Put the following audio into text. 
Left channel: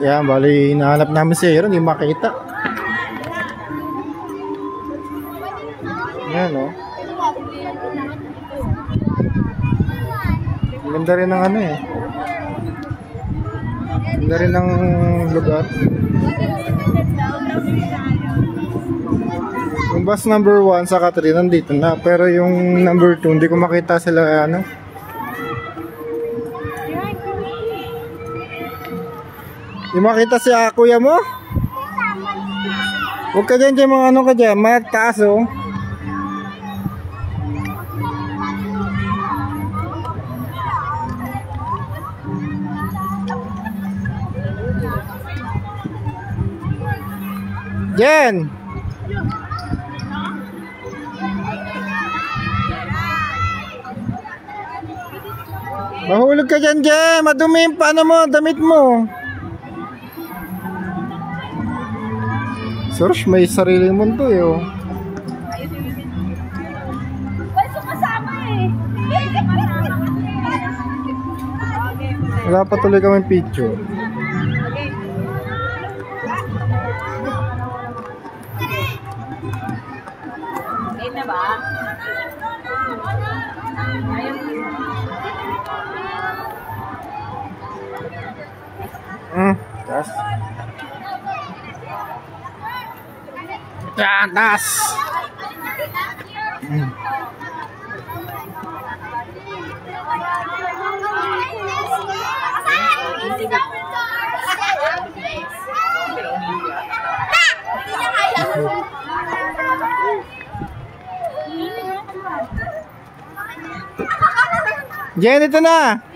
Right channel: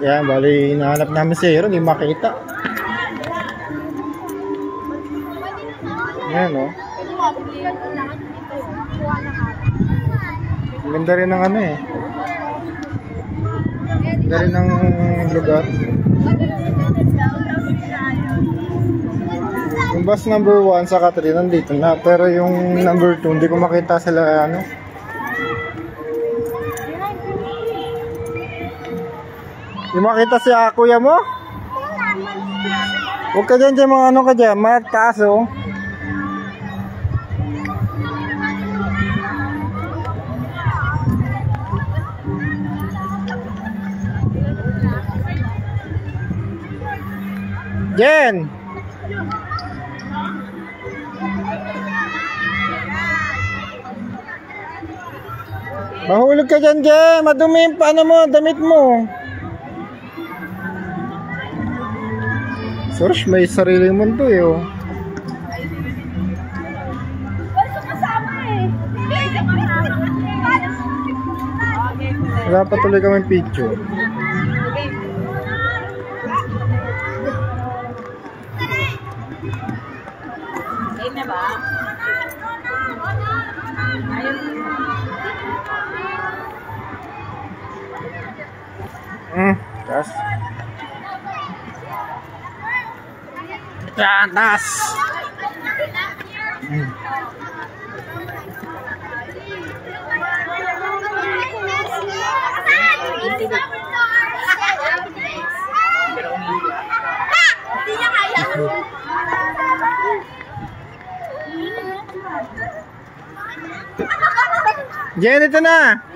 Yan, bali hinahanap namin si Aaron, hindi makita. Yan o. Ganda rin ng ano eh. Ganda rin ng lugar. Yung bus number 1 sa 3 nandito na. Pero yung number 2 hindi ko makita sila ano. Yung makita si kuya mo? Huwag ka dyan mga ano ka dyan, magtaas oh. Jen! Mahulog ka dyan, Jen! Madumi yung paano mo, damit mo. Search, may sariling mundo eh oh. Wala pa tuloy kami picture. Tas. Yan, tas. Jen, ito na.